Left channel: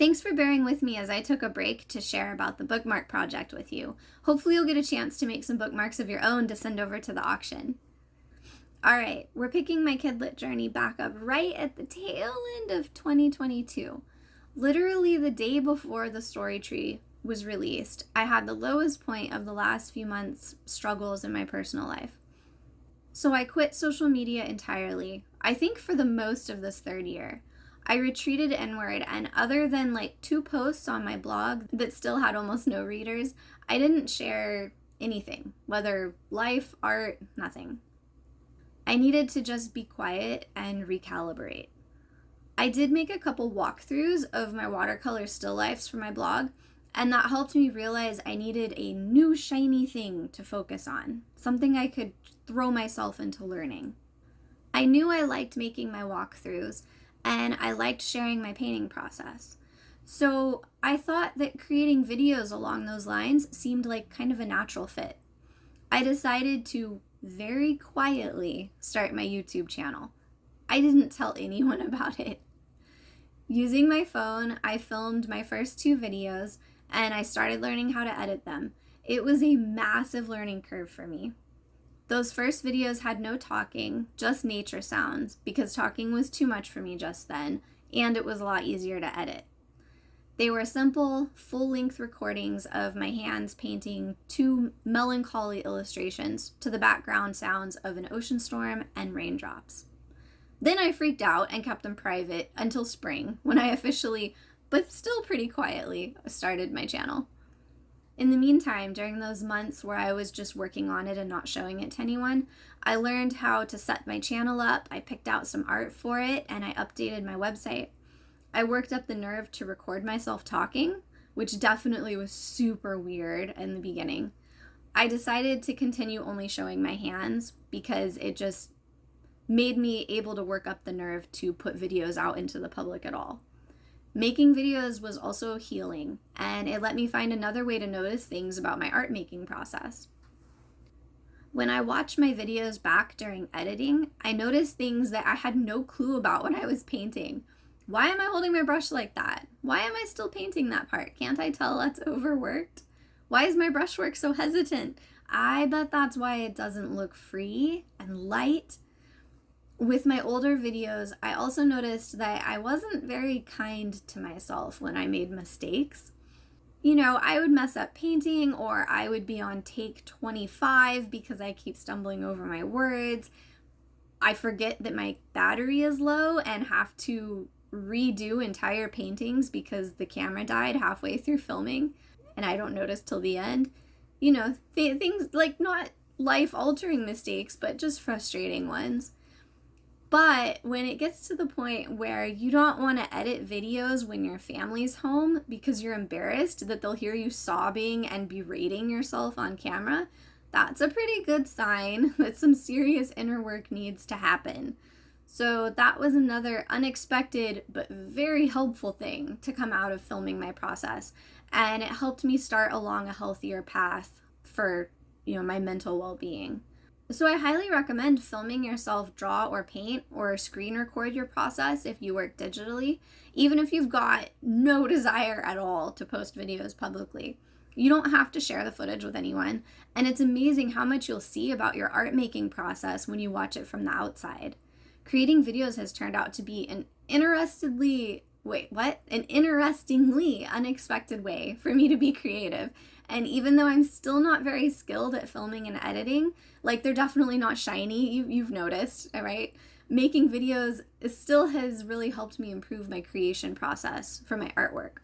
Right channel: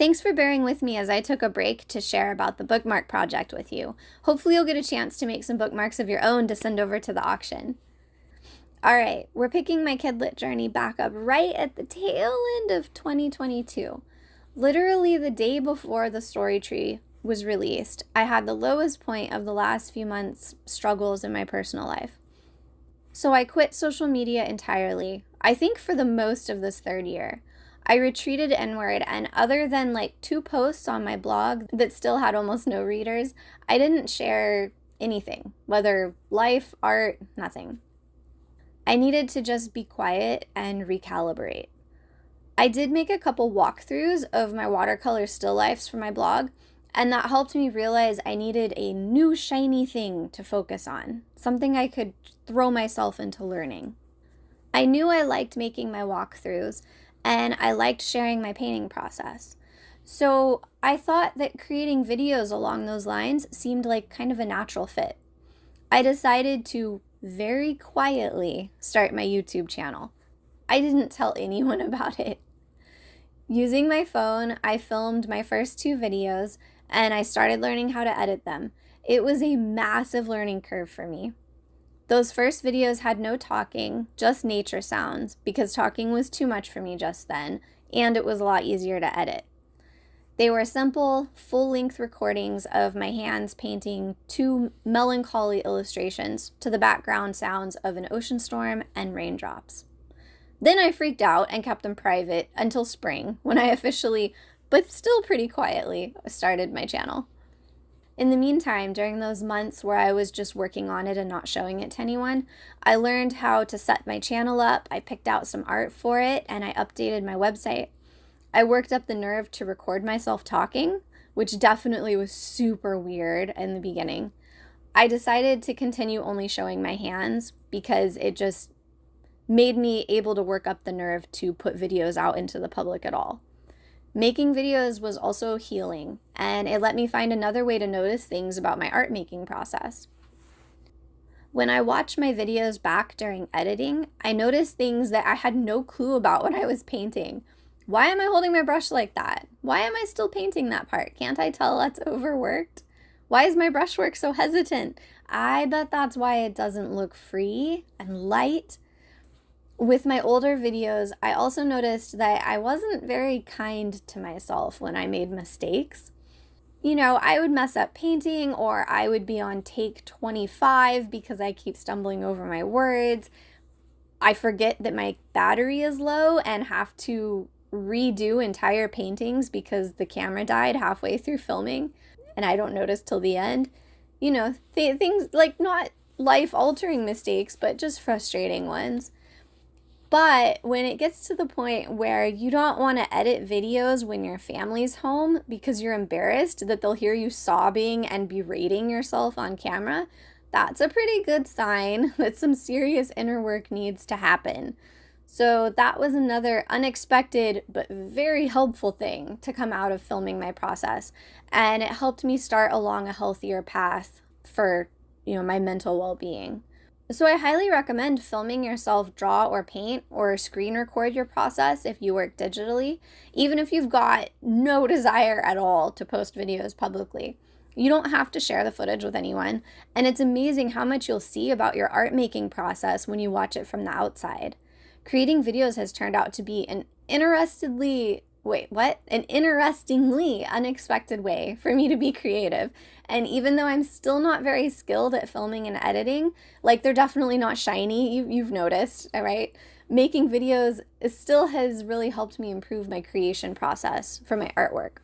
Thanks for bearing with me as I took a break to share about the bookmark project with you. Hopefully you'll get a chance to make some bookmarks of your own to send over to the auction. Alright, we're picking my Kidlit journey back up right at the tail end of 2022. Literally the day before the story tree was released, I had the lowest point of the last few months' struggles in my personal life. So I quit social media entirely, I think for the most of this third year. I retreated inward, and other than like 2 posts on my blog that still had almost no readers, I didn't share anything, whether life, art, nothing. I needed to just be quiet and recalibrate. I did make a couple walkthroughs of my watercolor still lifes for my blog, and that helped me realize I needed a new shiny thing to focus on, something I could throw myself into learning. I knew I liked making my walkthroughs, and I liked sharing my painting process. So I thought that creating videos along those lines seemed like kind of a natural fit. I decided to very quietly start my YouTube channel. I didn't tell anyone about it. Using my phone, I filmed my first 2 videos, and I started learning how to edit them. It was a massive learning curve for me. Those first videos had no talking, just nature sounds, because talking was too much for me just then, and it was a lot easier to edit. They were simple, full-length recordings of my hands painting 2 melancholy illustrations to the background sounds of an ocean storm and raindrops. Then I freaked out and kept them private until spring, when I officially, but still pretty quietly, started my channel. In the meantime, during those months where I was just working on it and not showing it to anyone, I learned how to set my channel up, I picked out some art for it, and I updated my website. I worked up the nerve to record myself talking, which definitely was super weird in the beginning. I decided to continue only showing my hands because it just made me able to work up the nerve to put videos out into the public at all. Making videos was also healing, and it let me find another way to notice things about my art making process. When I watched my videos back during editing, I noticed things that I had no clue about when I was painting. Why am I holding my brush like that? Why am I still painting that part? Can't I tell that's overworked? Why is my brushwork so hesitant? I bet that's why it doesn't look free and light. With my older videos, I also noticed that I wasn't very kind to myself when I made mistakes. You know, I would mess up painting, or I would be on take 25 because I keep stumbling over my words. I forget that my battery is low and have to redo entire paintings because the camera died halfway through filming, and I don't notice till the end. You know, things like not life-altering mistakes, but just frustrating ones. But when it gets to the point where you don't want to edit videos when your family's home because you're embarrassed that they'll hear you sobbing and berating yourself on camera, that's a pretty good sign that some serious inner work needs to happen. So that was another unexpected but very helpful thing to come out of filming my process. And it helped me start along a healthier path for, my mental well-being. So I highly recommend filming yourself draw or paint or screen record your process if you work digitally, even if you've got no desire at all to post videos publicly. You don't have to share the footage with anyone, and it's amazing how much you'll see about your art making process when you watch it from the outside. Creating videos has turned out to be an interestingly unexpected way for me to be creative. And even though I'm still not very skilled at filming and editing, like they're definitely not shiny, you've noticed, all right? Making videos still has really helped me improve my creation process for my artwork.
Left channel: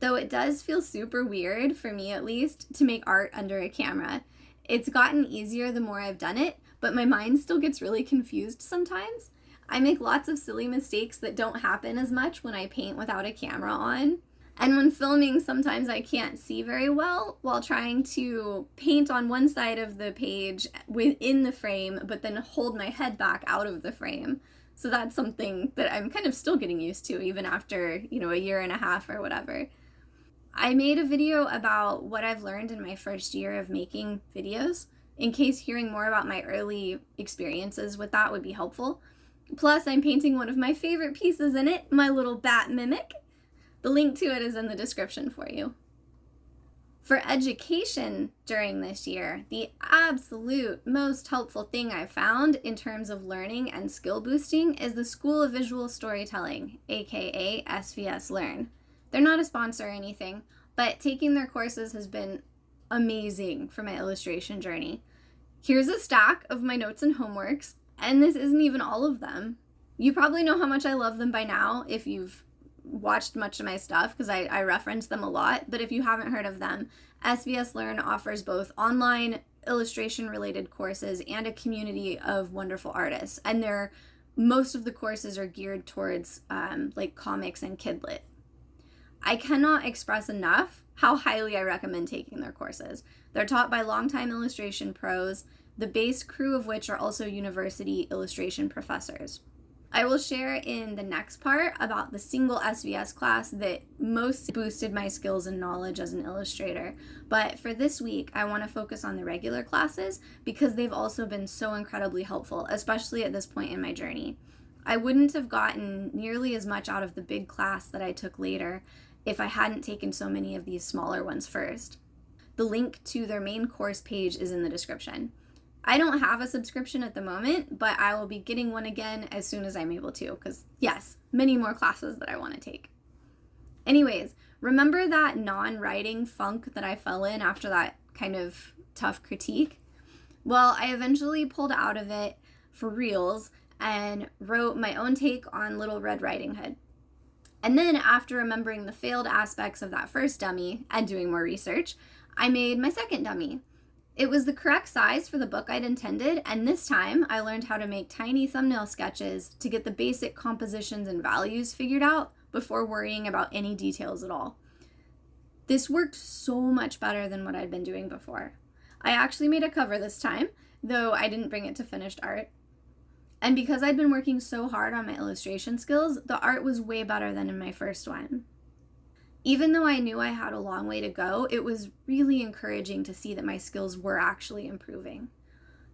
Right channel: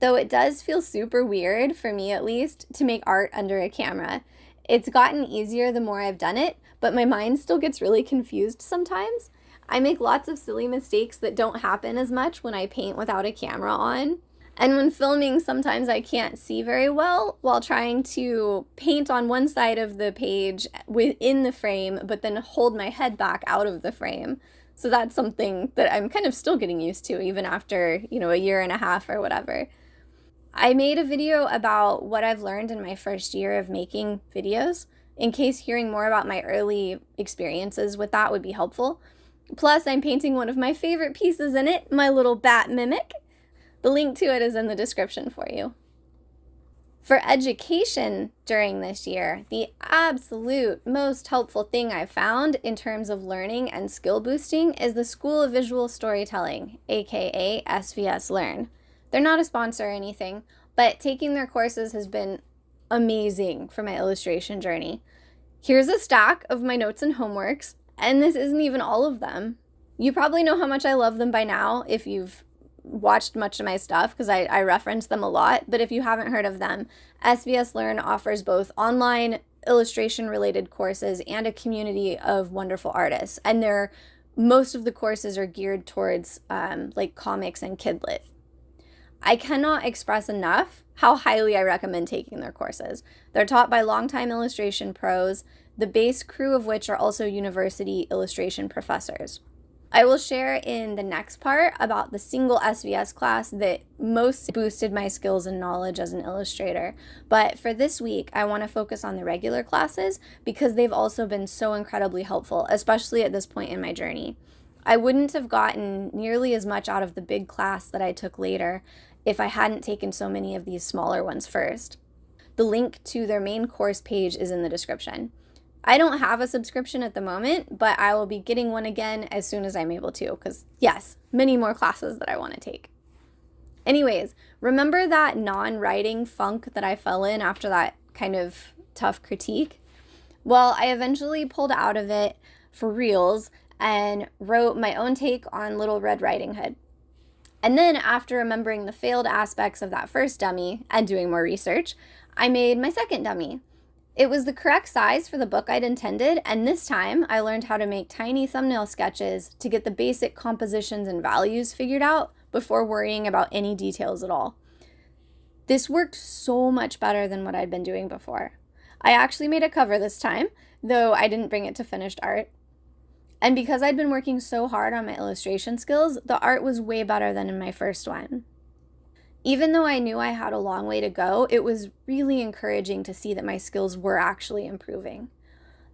Though it does feel super weird, for me at least, to make art under a camera. It's gotten easier the more I've done it, but my mind still gets really confused sometimes. I make lots of silly mistakes that don't happen as much when I paint without a camera on. And when filming, sometimes I can't see very well while trying to paint on one side of the page within the frame, but then hold my head back out of the frame. So that's something that I'm kind of still getting used to, even after, a year and a half or whatever. I made a video about what I've learned in my first year of making videos, in case hearing more about my early experiences with that would be helpful. Plus, I'm painting one of my favorite pieces in it, my little bat mimic. The link to it is in the description for you. For education during this year, the absolute most helpful thing I've found in terms of learning and skill boosting is the School of Visual Storytelling, aka SVS Learn. They're not a sponsor or anything, but taking their courses has been amazing for my illustration journey. Here's a stack of my notes and homeworks, and this isn't even all of them. You probably know how much I love them by now if you've watched much of my stuff, because I reference them a lot, but if you haven't heard of them, SVS Learn offers both online illustration related courses and a community of wonderful artists, and most of the courses are geared towards like comics and Kidlit. I cannot express enough how highly I recommend taking their courses. They're taught by longtime illustration pros, the base crew of which are also university illustration professors. I will share in the next part about the single SVS class that most boosted my skills and knowledge as an illustrator. But for this week, I want to focus on the regular classes because they've also been so incredibly helpful, especially at this point in my journey. I wouldn't have gotten nearly as much out of the big class that I took later if I hadn't taken so many of these smaller ones first. The link to their main course page is in the description. I don't have a subscription at the moment, but I will be getting one again as soon as I'm able to, because yes, many more classes that I want to take. Anyways, remember that non-writing funk that I fell in after that kind of tough critique? Well, I eventually pulled out of it for reals and wrote my own take on Little Red Riding Hood. And then after remembering the failed aspects of that first dummy and doing more research, I made my second dummy. It was the correct size for the book I'd intended, and this time I learned how to make tiny thumbnail sketches to get the basic compositions and values figured out before worrying about any details at all. This worked so much better than what I'd been doing before. I actually made a cover this time, though I didn't bring it to finished art. And because I'd been working so hard on my illustration skills, the art was way better than in my first one. Even though I knew I had a long way to go, it was really encouraging to see that my skills were actually improving.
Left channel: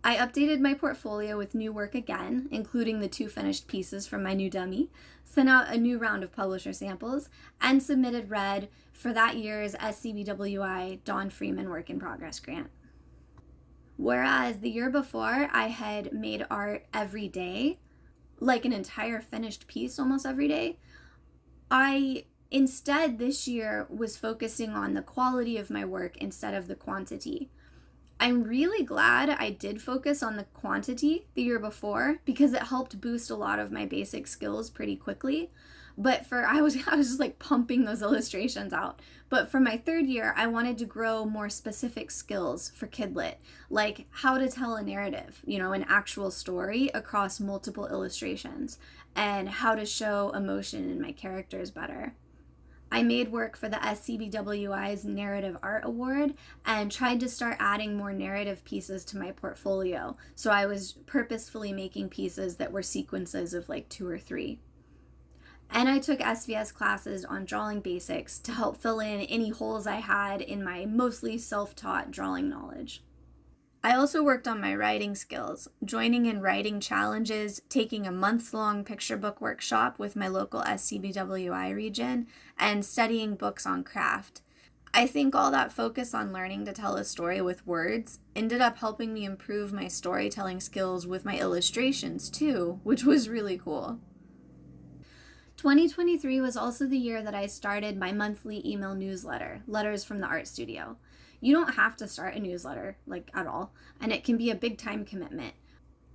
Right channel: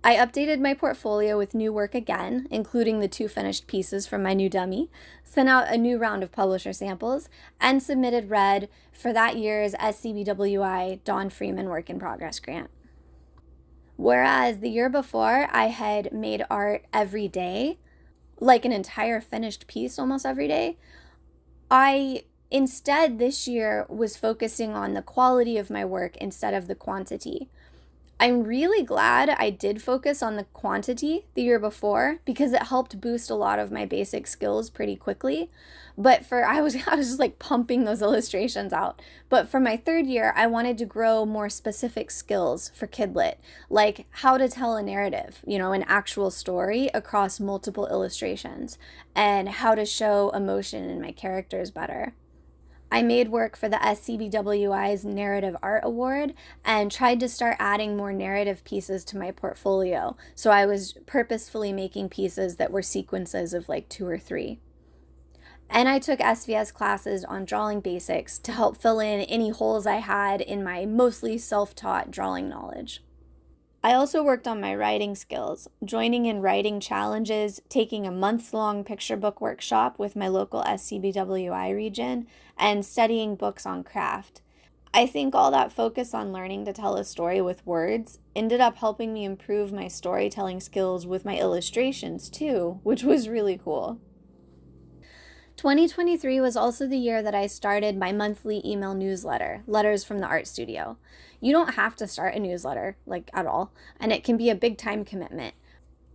I updated my portfolio with new work again, including the 2 finished pieces from my new dummy, sent out a new round of publisher samples, and submitted red for that year's SCBWI Don Freeman Work in Progress grant. Whereas the year before, I had made art every day, like an entire finished piece almost every day, I instead this year was focusing on the quality of my work instead of the quantity. I'm really glad I did focus on the quantity the year before because it helped boost a lot of my basic skills pretty quickly. But I was just like pumping those illustrations out. But for my third year, I wanted to grow more specific skills for Kidlit, like how to tell a narrative, an actual story across multiple illustrations, and how to show emotion in my characters better. I made work for the SCBWI's Narrative Art Award and tried to start adding more narrative pieces to my portfolio. So I was purposefully making pieces that were sequences of like 2 or 3. And I took SVS classes on drawing basics to help fill in any holes I had in my mostly self-taught drawing knowledge. I also worked on my writing skills, joining in writing challenges, taking a month-long picture book workshop with my local SCBWI region, and studying books on craft. I think all that focus on learning to tell a story with words ended up helping me improve my storytelling skills with my illustrations too, which was really cool. 2023 was also the year that I started my monthly email newsletter, Letters from the Art Studio. You don't have to start a newsletter, at all, and it can be a big time commitment.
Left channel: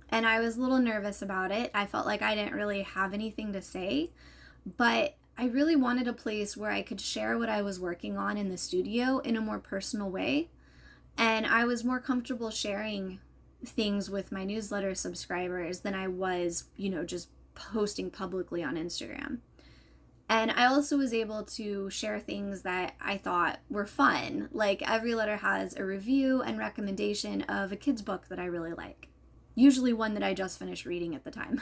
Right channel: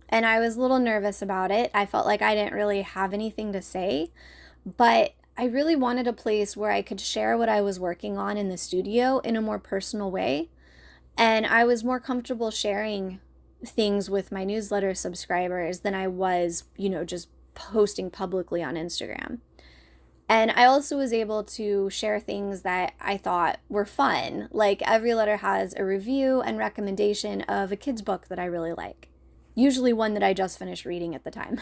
And I was a little nervous about it. I felt like I didn't really have anything to say, but I really wanted a place where I could share what I was working on in the studio in a more personal way. And I was more comfortable sharing things with my newsletter subscribers than I was, just posting publicly on Instagram. And I also was able to share things that I thought were fun, like every letter has a review and recommendation of a kid's book that I really like, usually one that I just finished reading at the time.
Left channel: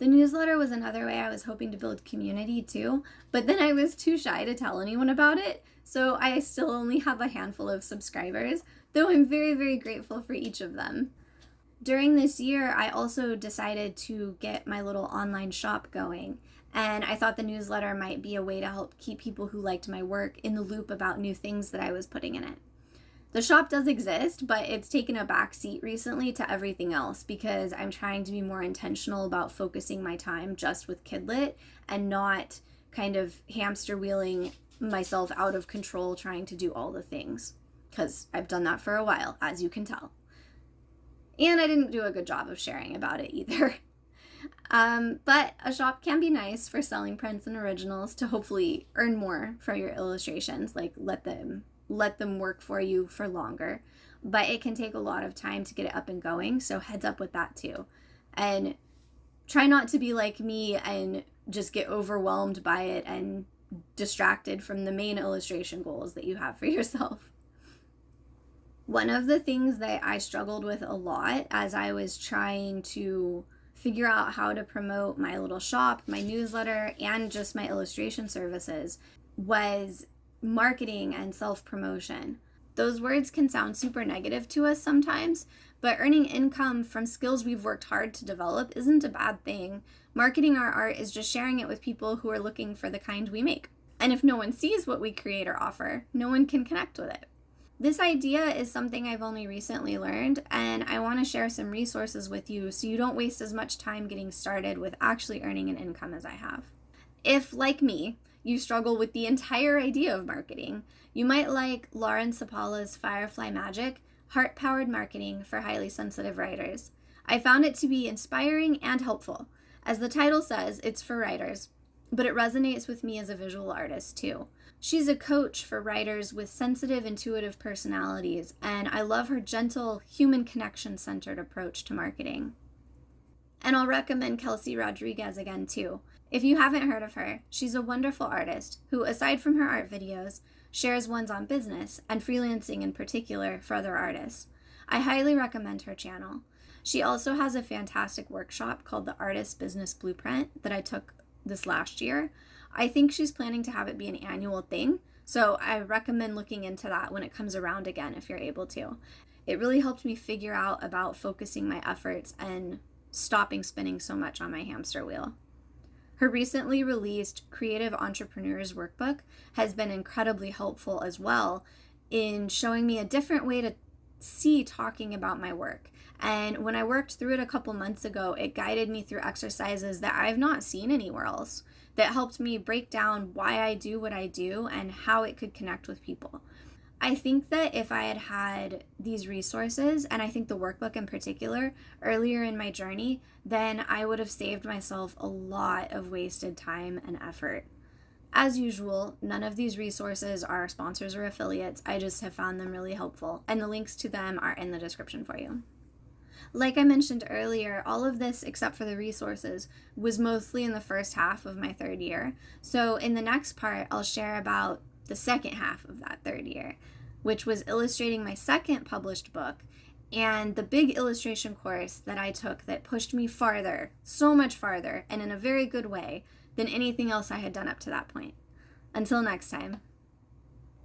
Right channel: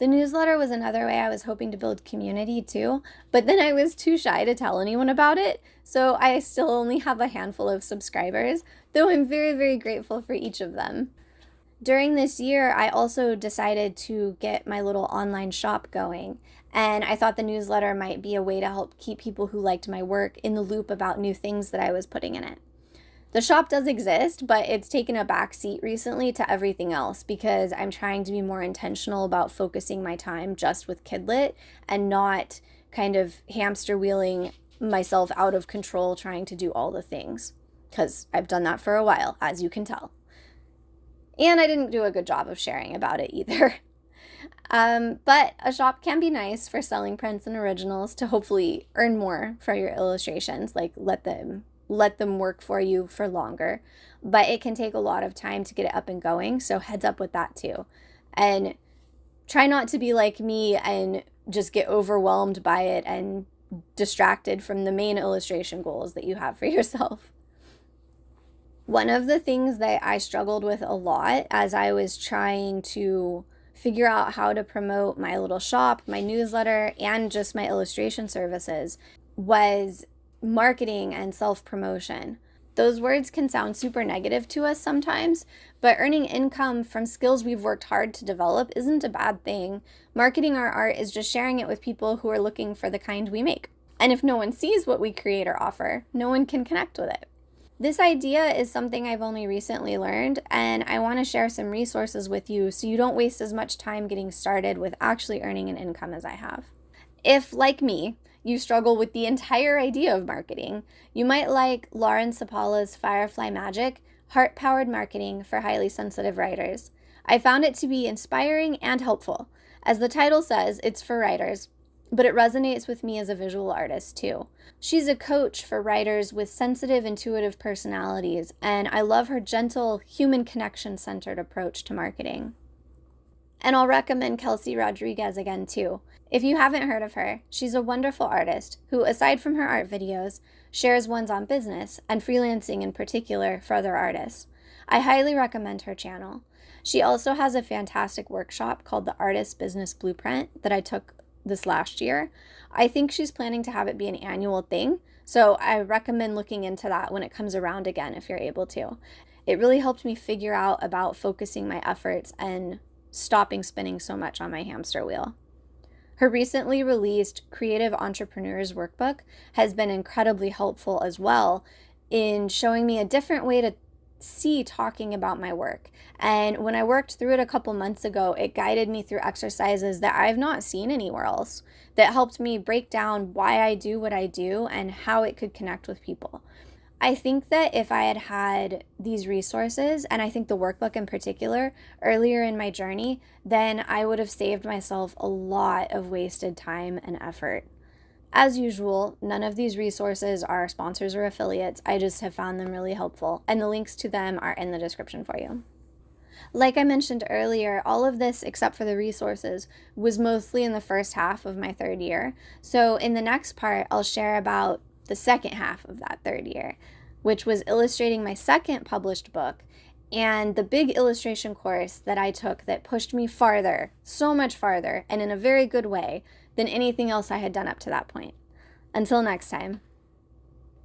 The newsletter was another way I was hoping to build community too, but then I was too shy to tell anyone about it, so I still only have a handful of subscribers, though I'm very, very grateful for each of them. During this year, I also decided to get my little online shop going, And I thought the newsletter might be a way to help keep people who liked my work in the loop about new things that I was putting in it. The shop does exist, but it's taken a back seat recently to everything else because I'm trying to be more intentional about focusing my time just with Kidlit and not kind of hamster wheeling myself out of control trying to do all the things, because I've done that for a while, as you can tell. And I didn't do a good job of sharing about it either. But a shop can be nice for selling prints and originals to hopefully earn more for your illustrations, like let them work for you for longer. But it can take a lot of time to get it up and going, so heads up with that too. And try not to be like me and just get overwhelmed by it and distracted from the main illustration goals that you have for yourself. One of the things that I struggled with a lot as I was trying to figure out how to promote my little shop, my newsletter, and just my illustration services was marketing and self-promotion. Those words can sound super negative to us sometimes, but earning income from skills we've worked hard to develop isn't a bad thing. Marketing our art is just sharing it with people who are looking for the kind we make. And if no one sees what we create or offer, no one can connect with it. This idea is something I've only recently learned, and I want to share some resources with you so you don't waste as much time getting started with actually earning an income as I have. If, like me, you struggle with the entire idea of marketing, you might like Lauren Sapala's Firefly Magic, Heart-Powered Marketing for Highly Sensitive Writers. I found it to be inspiring and helpful. As the title says, it's for writers, but it resonates with me as a visual artist too. She's a coach for writers with sensitive, intuitive personalities, and I love her gentle, human connection-centered approach to marketing. And I'll recommend Kelsey Rodriguez again too. If you haven't heard of her, she's a wonderful artist who, aside from her art videos, shares ones on business and freelancing in particular for other artists. I highly recommend her channel. She also has a fantastic workshop called the Artist Business Blueprint that I took this last year. I think she's planning to have it be an annual thing, so I recommend looking into that when it comes around again if you're able to. It really helped me figure out about focusing my efforts and stopping spinning so much on my hamster wheel. Her recently released Creative Entrepreneurs Workbook has been incredibly helpful as well in showing me a different way to see talking about my work. And when I worked through it a couple months ago, it guided me through exercises that I've not seen anywhere else, that helped me break down why I do what I do and how it could connect with people. I think that if I had had these resources, and I think the workbook in particular, earlier in my journey, then I would have saved myself a lot of wasted time and effort. As usual, none of these resources are sponsors or affiliates. I just have found them really helpful, and the links to them are in the description for you. Like I mentioned earlier, all of this, except for the resources, was mostly in the first half of my third year. So in the next part, I'll share about the second half of that third year, which was illustrating my second published book and the big illustration course that I took that pushed me farther, so much farther, and in a very good way than anything else I had done up to that point. Until next time.